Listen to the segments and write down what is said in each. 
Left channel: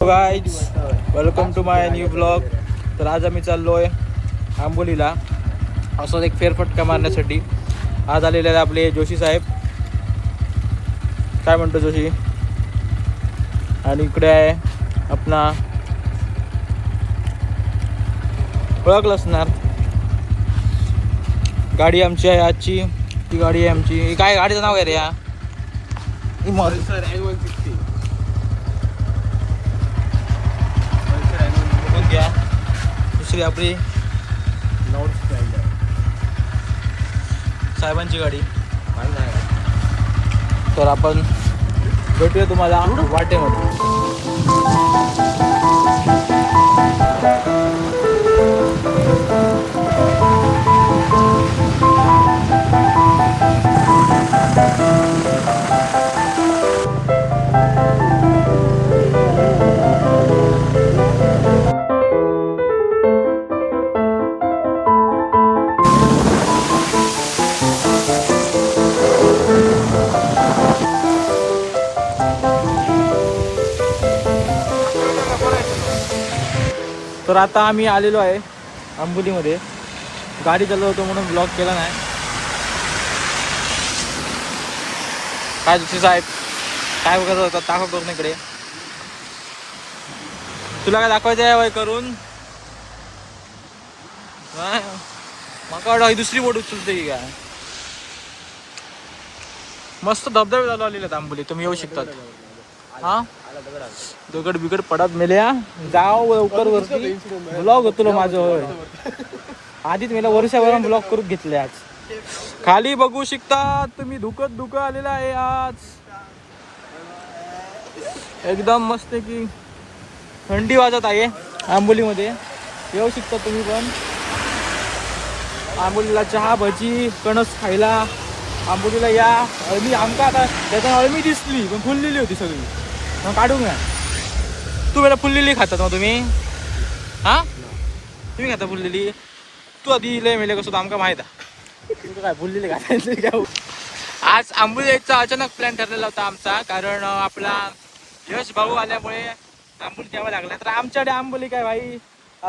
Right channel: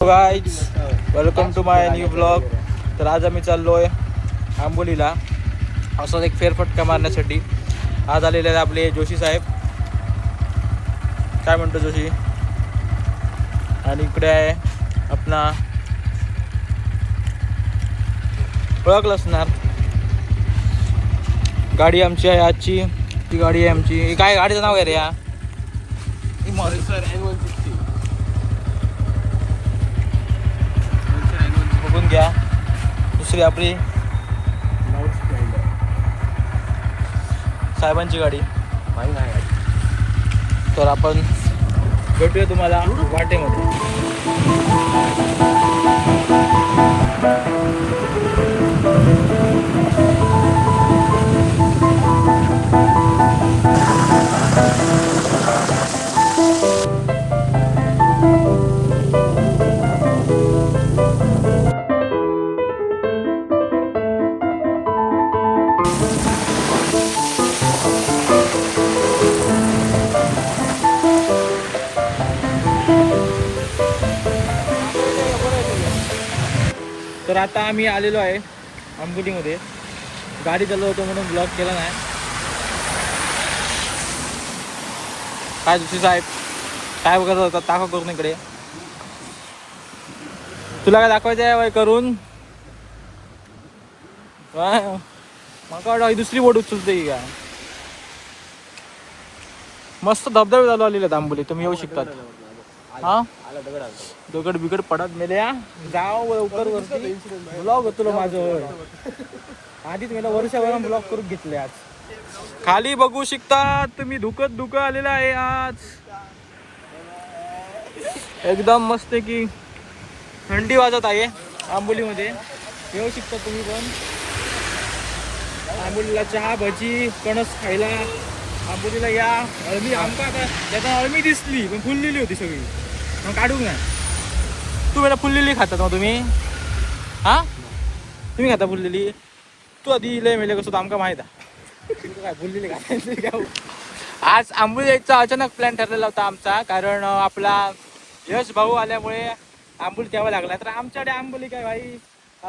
Guys welcome to my new blog. तर आज आम्ही चाललोय आंबोलीला असं एक फेरफटका मारण्यासाठी. आज आलेले आहेत आपले जोशी साहेब. काय म्हणतो जोशी? आणि इकडे आहे आपला ओळखलं असणार, गाडी आमची आहे आजची. ती गाडी आहे आमची. काय गाडीचं नाव आहे रे? या बघून घ्या. दुसरी आपली साहेबांची गाडी. तर आपण भेटूया तुम्हाला वाटेमध्ये. तर आता आम्ही आलेलो आहे आंबोलीमध्ये. गाडी चालवत होतो म्हणून ब्लॉग केला नाही. काय जोशी साहेब काय बघत होता? दाखव करून इकडे. तुला काय दाखवायचं आहे वय करून? मका वाटतं ही दुसरी बोट उचलते की काय. मस्त धबधबे चालू आलेले आहेत आंबोली. तुम्ही येऊ शकतात. हा दगड बिगड पडत मेल्या. जाव लवकर वरती. ब्लॉग होतो माझं. होय आधीच मला वर्षभर ब्लॉग करून घेतले. आज खाली बघू शकता तुम्ही. धुकं आलेलं आहे आज. एकदम मस्त की थंडी वाजत आहे आंबोलीमध्ये. येऊ शकता तुम्ही पण आंबोलीला. चहा भजी कणस खायला आंबोलीला या. अळमी आमका आता त्यातून अळमी दिसली पण फुललेली होती सगळी. मग काढून घ्या. तू मला फुललेली खातात मग तुम्ही? हा तुम्ही खाता फुललेली? तू आधी लय मेले कसं आमका माहित आहे. तू काय फुललेली खायचं? आज आंबोली यायचा अचानक प्लॅन ठरलेला होता आमचा. कारण आपला यश भाऊ आल्यामुळे आंबोली द्यावा लागला. तर आमच्याकडे आंबोली काय भाई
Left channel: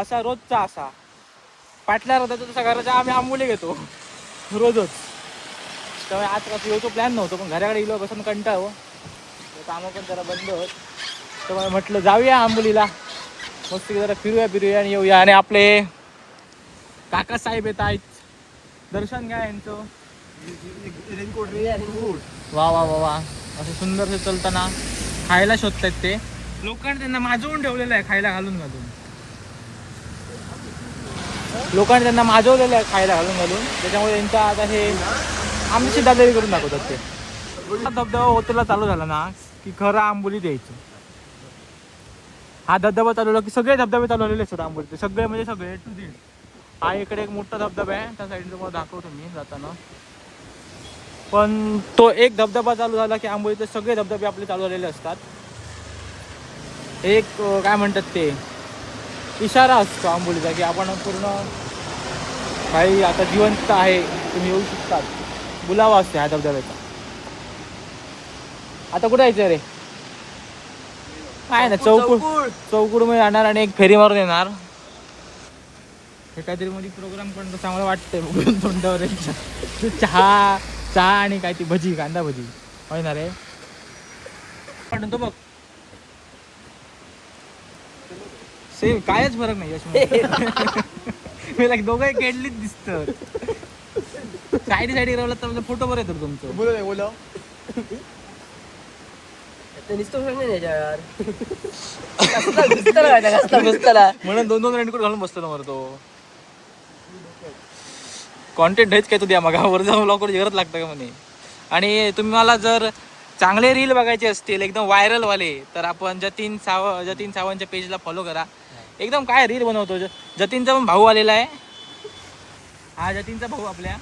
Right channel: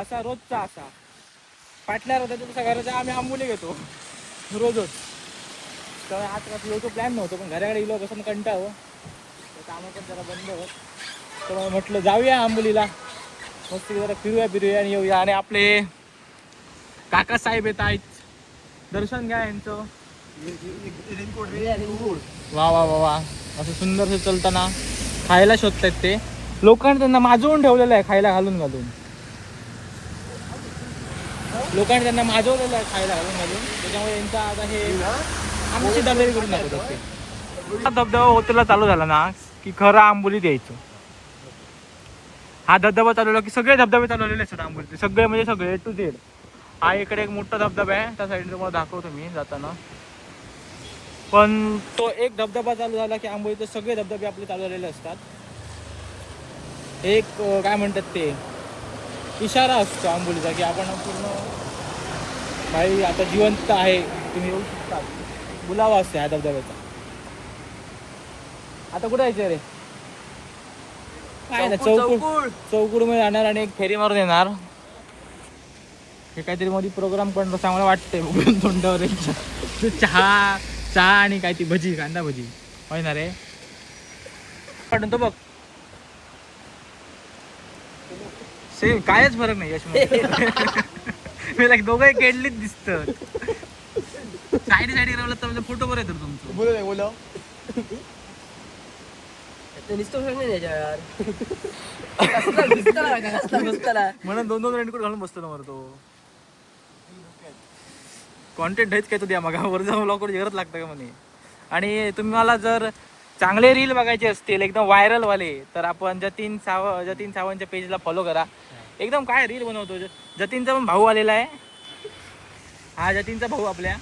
असा रोजचा असा पाटल्या होता तसा घराचा आम्ही आंबोली घेतो रोजच. त्यामुळे आज कसं यायचं प्लॅन नव्हतं. पण घराकडे गेलो बसून कंटाळो. कामं पण जरा बंद होत. तर म्हटलं जाऊया आंबोलीला. मस्त जरा फिरूया आणि येऊया. आणि आपले काका साहेब येत आहेत. दर्शन घ्या यांचं. वा वा वा वा. असं सुंदरसे चलताना खायला शोधतायत ते. लोकांनी त्यांना माजवून ठेवलेलं आहे खायला घालून. लोकांनी त्यांना माजवलेलं आहे खायला घालून. त्याच्यामुळे यांचं आता हे आमची दादागिरी करून दाखवतात ते. धबधबा होतेला चालू झाला ना की खरं आंबोलीत यायचं. हा धबधबा चालवला की सगळे धबधबे चालवलेले असतात आंबोलीचे. सगळे म्हणजे सगळे टू झेड. हा इकडे एक मोठा धबधबा आहे. त्या साईडला तुम्हाला दाखवतो मी जाताना. पण तो एक धबधबा चालू झाला की आंबोलीचे सगळे धबधबे आपले चालू झालेले असतात. एक काय म्हणतात ते इशारा असतो आंबोलीचा की आपण पूर्ण काही आता जिवंत आहे. तुम्ही येऊ शकतात. बुलावा असते ह्या धबधब्याचा. आता कुठे यायचं रे? काय ना चौकुड मध्ये जाणार आणि एक फेरी मारून येणार. हे काहीतरी मध्ये प्रोग्राम पण चांगलं वाटतंय बघून तोंडावर. चहा आणि काय ती भजी कांदा भजी होय ना रे. तो बघ सेम कायच फरक नाही यश. मला दोघंही केडलीच दिसत. साईड राहिलं तर म्हणजे फोटो बरं येतात तुमचं. बोला म्हणून दोन रेनकोट घालून बसतो ना तो. कॉन्टेंट हेच काय तू द्या मग वर जाऊन ब्लॉग करून जगत लागतं का म्हणे. आणि तुम्ही मला जर चांगले रील बघायचे असतील एकदम व्हायरल वाले तर आपण जतीन सावंतच्या पेजला फॉलो करा. एकदम काय रील बनवतो. जतीनचा पण भाऊ आलेला आहे. हा जतीनचा भाऊ आपल्या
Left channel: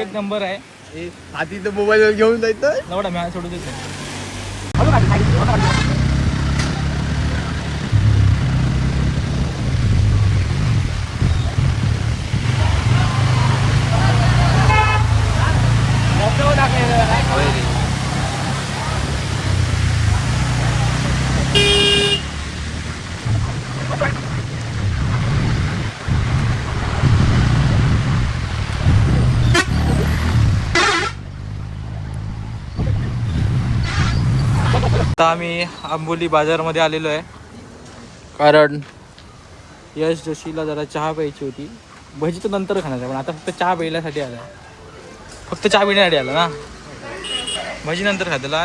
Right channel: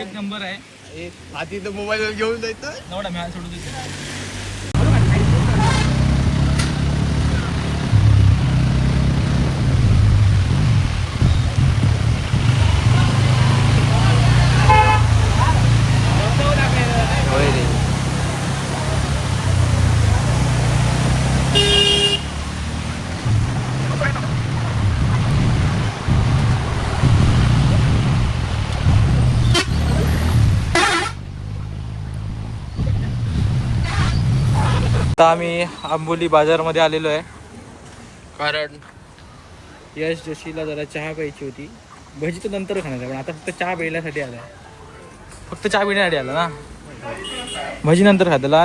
एक नंबर आहे. आधी तर मोबाईल घेऊन जायचं नवडा मी सोडून देतो. आता आम्ही आंबोली बाजारमध्ये आलेलो आहे, कारण यश जोशीला जरा चहा प्यायची होती. भजी तर नंतर खाणार आहे, पण आता फक्त चहा प्यायल्यासाठी आला. फक्त चहा पिण्यासाठी आला ना, भजी नंतर खातला.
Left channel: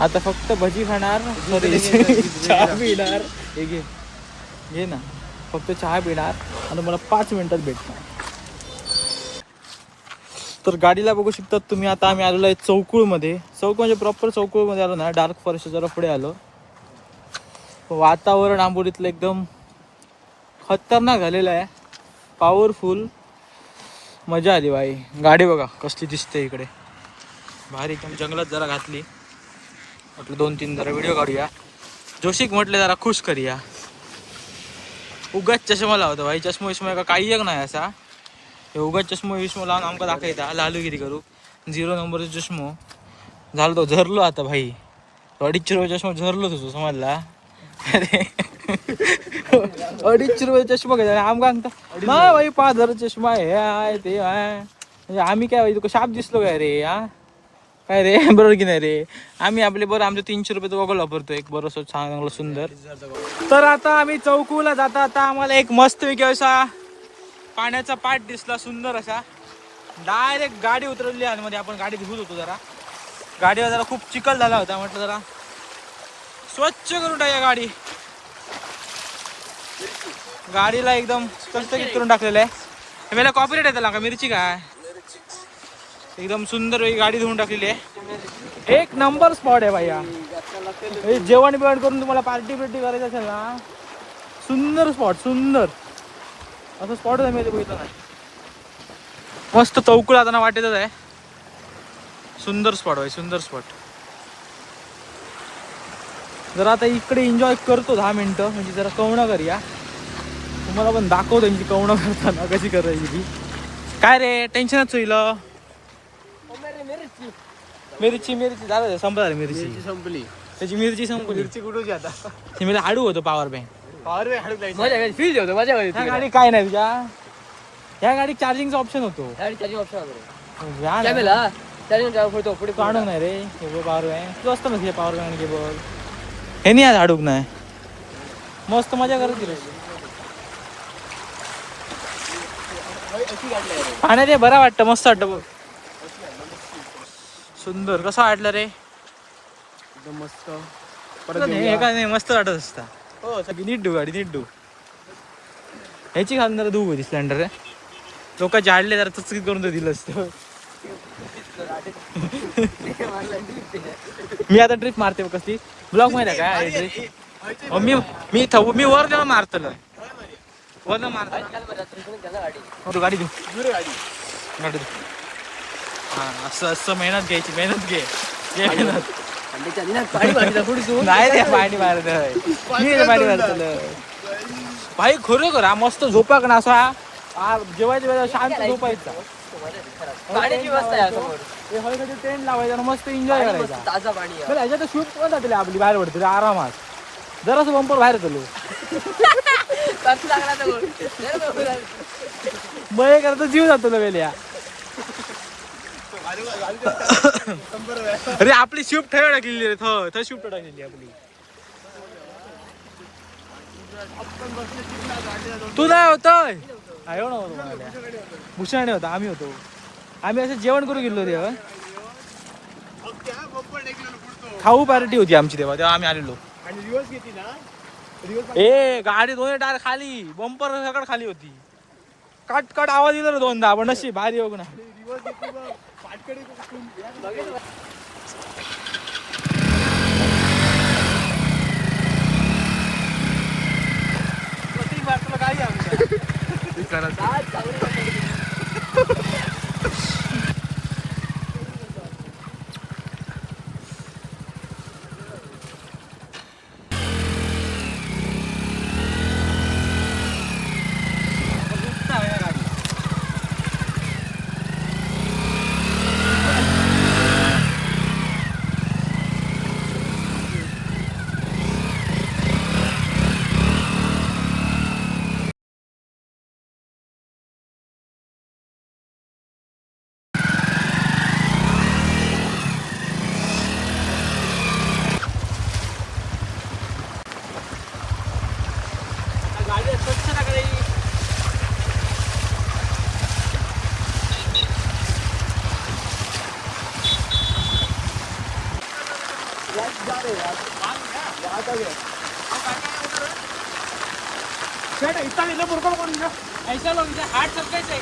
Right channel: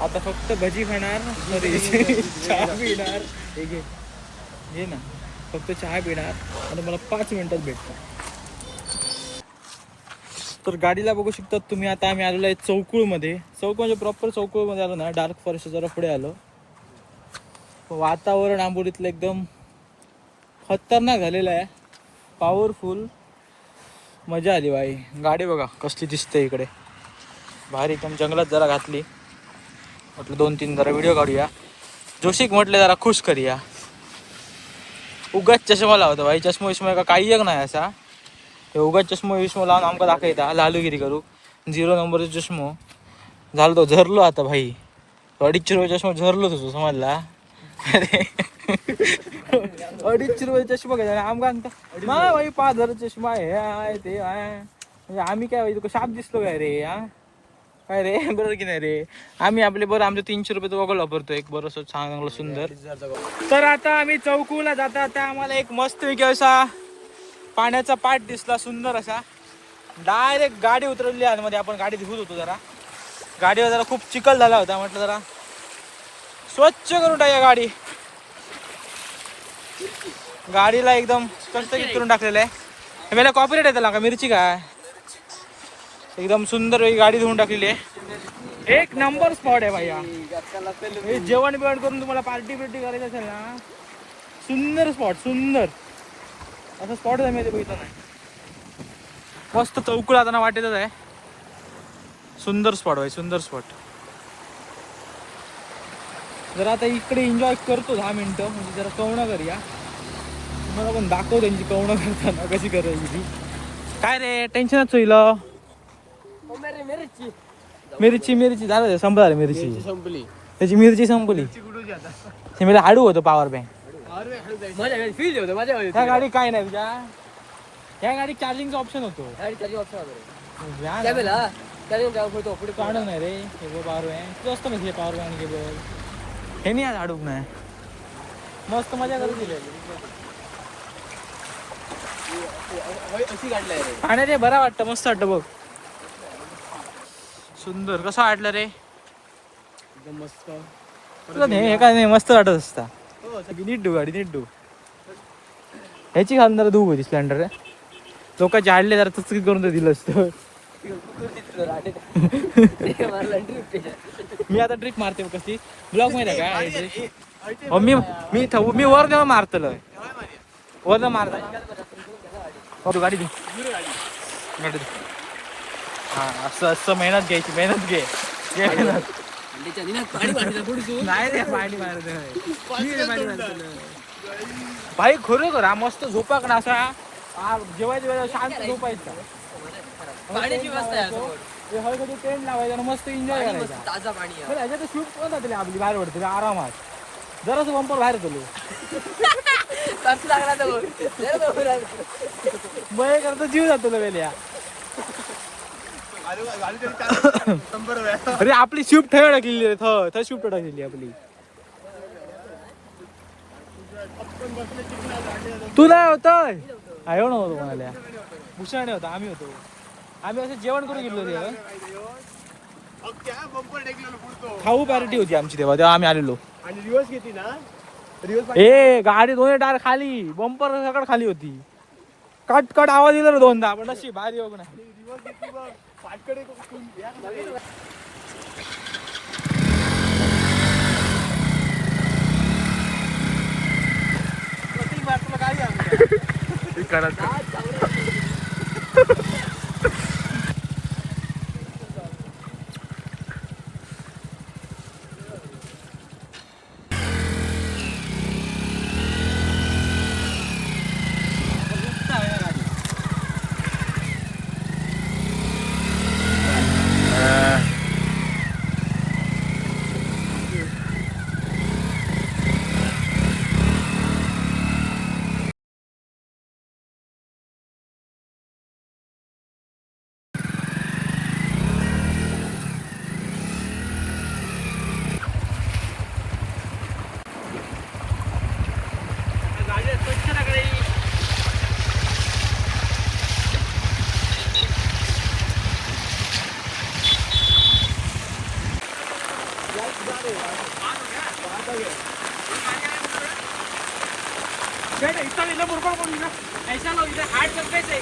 आता फक्त भजी खाणार, चहा पिणार. हे घे घे ना, फक्त चहा पिणार आणि मला 5 मिनिटात भेटणार. तर गाडीला बघू शकतात तुम्ही. आता आम्ही आलेलो आहे चौकुळमध्ये. चौक म्हणजे प्रॉपर चौकुळमध्ये आलो ना, डार्क फॉरेस्ट जरा पुढे आलो. वातावरण आंबोलीतलं एकदम खतरनाक झालेलं आहे, पॉवरफुल. मजा आली बाई. गाडी बघा कसली दिसते इकडे, भारी एकदम. जंगलात जरा घातली, म्हटलं 2-3 जरा व्हिडिओ काढूया. जोशिक म्हटले जरा खुश करूया. उगाच चष्मा लावतो भाई, चष्मा विष्मा का काही एक नाही असा. हे उगाच चष्मा विष्मा लावून आमका दाखवता लालूगिरी करू. 0 नंबरचा चष्मो झालो तो झरलो आता भाई. 250 रुपये चष्मा झरलो तुझं समजला. अरे 250 रुपये चष्मा घ्यायचा आमका सांगता ना भाई, 5,000 चष्मा आहे ते आहे. म्हणजे आम्ही काय तुका शाप दिसलो काय रे? हा काय रे? बरोबर की नाही रे? आम्ही आपले बरं आमचे 300 रुपये गॉगल वापरतो, एक बरोबर चांगलं सुंदर. तर आता आम्ही चौकूला जाता आता आम्हाला एक मस्त पैकी असा पाण्याचा पाट दिसला, सुंदर असा. डायरेक्ट गाडी उतरवली आणि मध्ये आपण गाडी धुत होतो जरा. गाडीवर जरा खूप चिखल झाला होता, म्हटलं जरा स्वच्छ करून टाकूया गाडी. गाडीला एकदम चकचकीत करून टाकलेलं आहे. मला कॉपीराइट आहे त्याला का? मिरची काय एकदम सुंदर वेगळी गाडी धुवून टाकलेली आहे. एक नंबर स्पॉट आहे भैया. हे जेवण बिवण करून तुम्हाला पार्टी बिर्टी करायची असेल ना, सुंदर स्पॉट, सुंदर असं स्पॉट आहे. मी ते बघितलं नाही. मस्त चौकुळ आता वाटेतच आहे. सुंदर स्पॉट भाई, सुंदर स्पॉट. जरा आता इकडे एन्जॉय करतो 10 मिनिटं, म्हणजे जरा कवणं करूया. तुम्हाला पण दाखवतो त्यांची कवणं करताना कशी करायची ती. काय रे टेन्शनच होईल. मिरची मिरची झालं संपला रे, मिरची संपली. त्याची मिरची संपली. मला हाडू होतो पॉवर बँक. ह्या गाडी काय नाही तुझ्या, ह्या गाडी चार्जिंगचा ऑप्शन होतो. काढूक नाही रे हे पॉवर बँक. तू असतं ना पॉवर बँक केबल, हे नाही आज हाडूक नाही. मस्त मजा करत रे. पाण्यात ते बरं वाटतं, मस्त वाटतं बघ. सुंदर कसं वाटलं रे? एकदम मस्त. हे काय नाही मस्त वाटत असता. नीट डू गाडी, नीट डू. ह्याची घालून जरा धुऊ होती स्प्लेंडर रे. लोक जाडले जरा चकचकीत करून तर दिलं असतं. मी आता ट्रिप मारते कसली ब्लॉक माहिती आहे काय? मी मी वर देऊन मारतलं, वर मारत गाडी धू, गाडी धू. हा असं असं मेहनत घ्यायची, मेहनत घे मेहनत. नाही रे पाणी मारत मी पाणी मारतलं भाई. खरोखर हा मस्त झोपाक ना असा. जेवायच्या वेळेला शांत झोपायचा. टेंट लावायचा, मस्त एन्जॉय करायचा. ताजा पाणी ह्याच्यात शूट पण जाते आपली बाहेर पडते आरामात. जरासं बंपर बाहेर गेलो मग करतो जीव जातो वेल्या. अरे आपली शिफ्ट ठेवा टाकलेली रे, थ शिफ्ट टाकलेली आपली. तू नाही होतोय आयो नव्हतो, भूषण होता, आम्ही होतो. आम्ही असं जेवण करून गेलो रे. खाऊ पार्टी होती आमची तेव्हा आम्ही आलेलो. आणि रिवर्स घेतली ना, ए गाडी दोन्ही टायर खाली, बंपर सगळं खाली होती. कट कट आवाज दिला रे 2दा, पण अशी भारी बघ ना. स्वच्छता करे ऐसा लोग इधर हार्ड चलते थे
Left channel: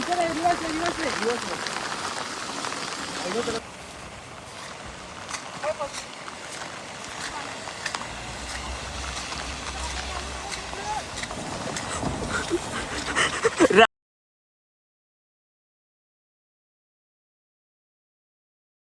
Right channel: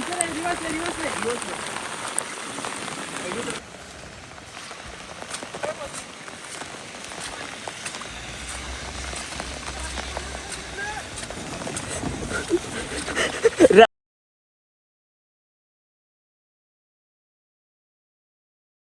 इधर रिवर्स ले